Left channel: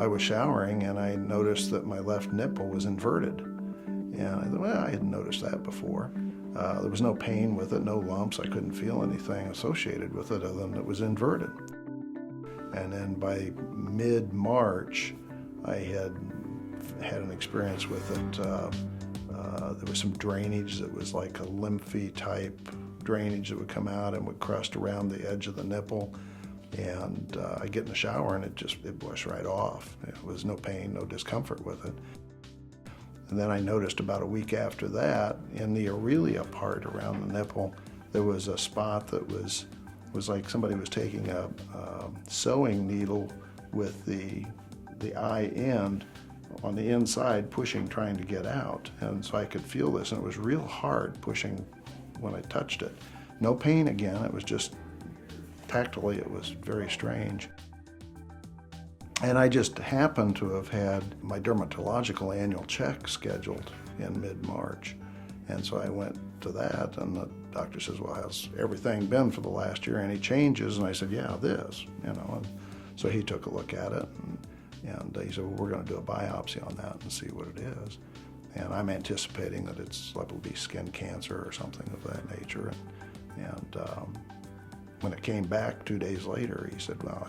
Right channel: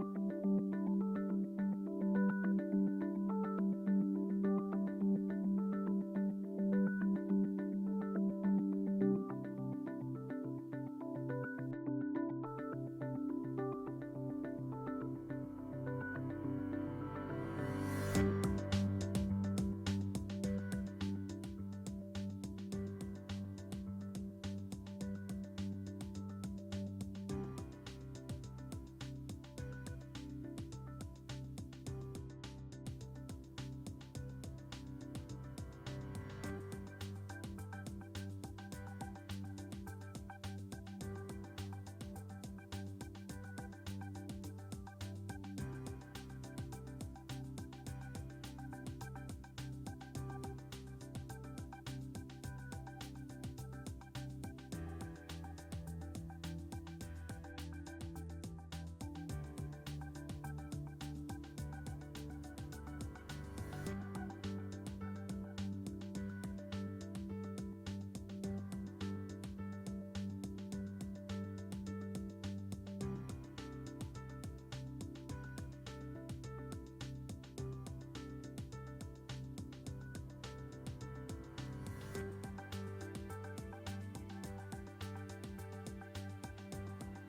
I was showering and I noticed that my left nipple was inverted. And I thought, well, I hadn't noticed that before. There was no pain with it, no lumps. I couldn't feel anything associated with it other than it was inverted. And then by mid-March, I had an experience with it. There was some drainage that was like a lymphy type drainage that would come out and would crust around the edge of the nipple. And I get in the shower and it brushed right off. It was no pain, no discomfort with it. And then I noticed about a week after that, in the Aurelia part around the nipple, there was a spot that was like somebody was taking a sewing needle with the eye end on the inside, pushing, trying to get out. And so I could feel this, and it was real hard pushing when I touched it. No pain again, it was just tactily, it was very strange. And I just happened to have had my dermatological annual check scheduled in mid-March. And so I went to that, and the doctor says, well, how's everything been for the last year? Any changes? And I said, yeah, this, And so he took a look at it, and he said, well, we're going to do a biopsy on that and see what it is. And I'm anticipating that it's liable to be skin cancer or something of that nature. And when it came back 2 days later, he said, well,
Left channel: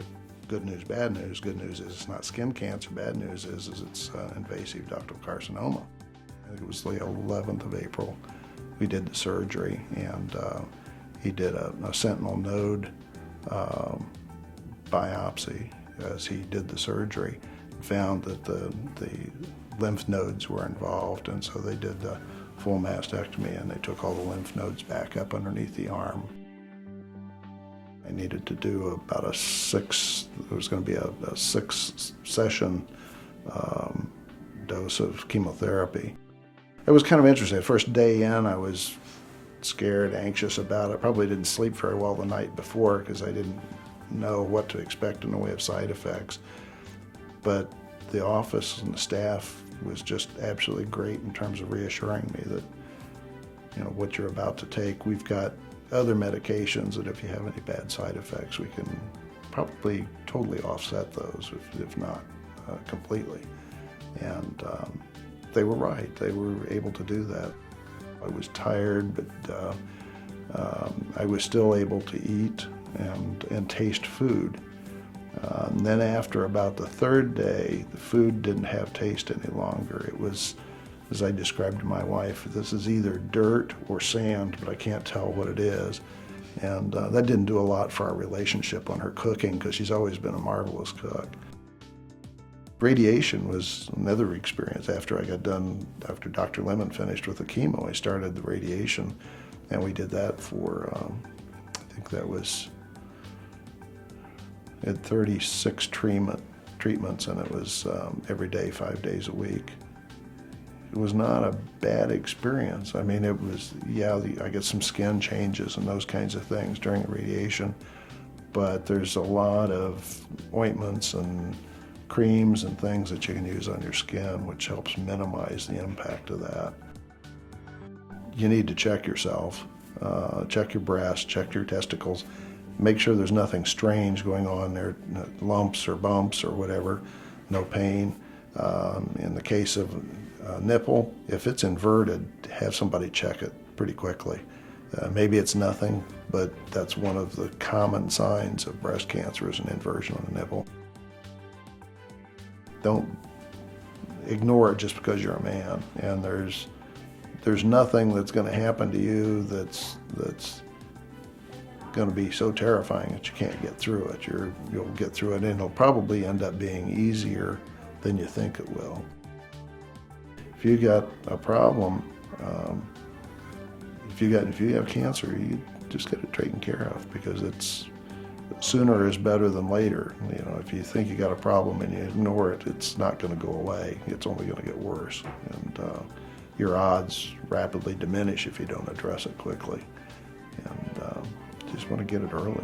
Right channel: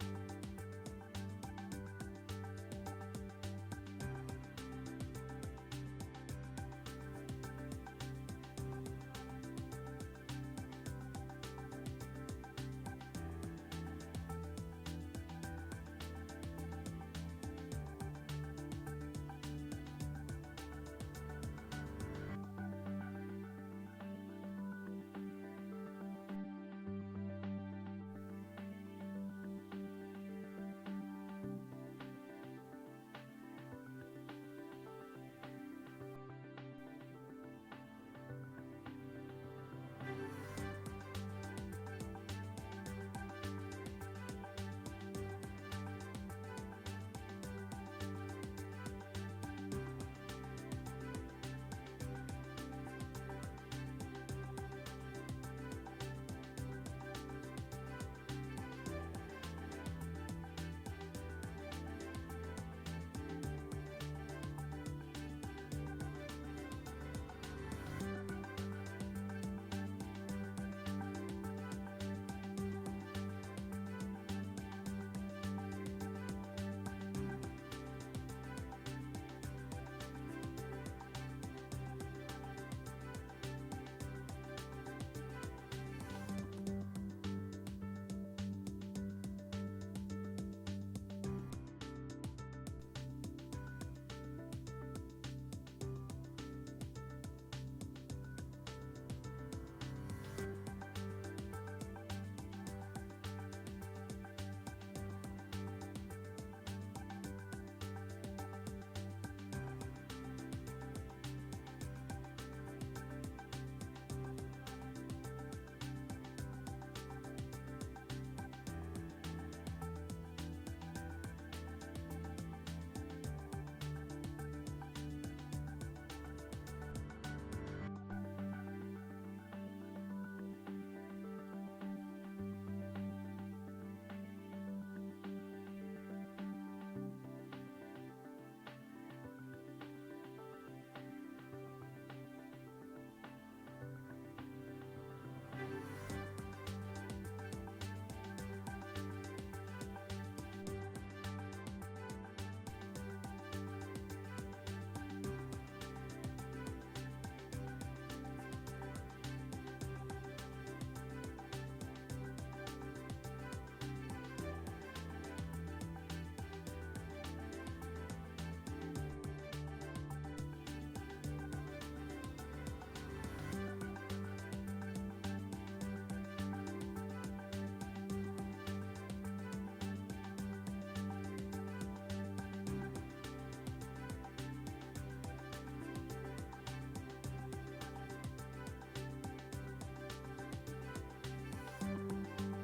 good news, bad news. Good news is it's not skin cancer. Bad news is it's invasive ductal carcinoma. I think it was the 11th of April. We did the surgery, and he did a sentinel node biopsy as he did the surgery. Found that the lymph nodes were involved, and so they did the full mastectomy, and they took all the lymph nodes back up underneath the arm. I needed to do about it was going to be a 6-session dose of chemotherapy. It was kind of interesting. The first day in, I was scared, anxious about it. Probably didn't sleep very well the night before because I didn't know what to expect in the way of side effects. But the office and the staff was just absolutely great in terms of reassuring me that, what you're about to take, we've got other medications that if you have any bad side effects, we can probably totally offset those, if not completely. And they were right. They were able to do that. I was tired, but I was still able to eat and taste food. And then after about the third day, the food didn't have taste any longer. It was, as I described to my wife, this is either dirt or sand, but I can't tell what it is. And that didn't do a lot for our relationship on her cooking, because she's always been a marvelous cook. Radiation was another experience. After Dr. Lemon finished with the chemo, I started the radiation, and we did that for, I think that was, we had 36 treatments, and it was every day, 5 days a week. It was not a bad experience. I mean, it was, I get some skin changes and those kinds of things during the radiation, but there's a lot of ointments and creams and things that you can use on your skin, which helps minimize the impact of that. You need to check yourself, check your breast, check your testicles, make sure there's nothing strange going on there, lumps or bumps or whatever, no pain. In the case of nipple, if it's inverted, have somebody check it pretty quickly. Maybe it's nothing, but that's one of the common signs of breast cancer is an inversion on the nipple. Don't ignore it just because you're a man, and there's nothing that's going to happen to you that's going to be so terrifying that you can't get through it. You'll get through it, and it'll probably end up being easier than you think it will. If you got a problem, if you have cancer, you just get it taken care of, because it's sooner is better than later. If you think you got a problem and you ignore it, it's not going to go away. It's only going to get worse, and your odds rapidly diminish if you don't address it quickly. And just want to get it early.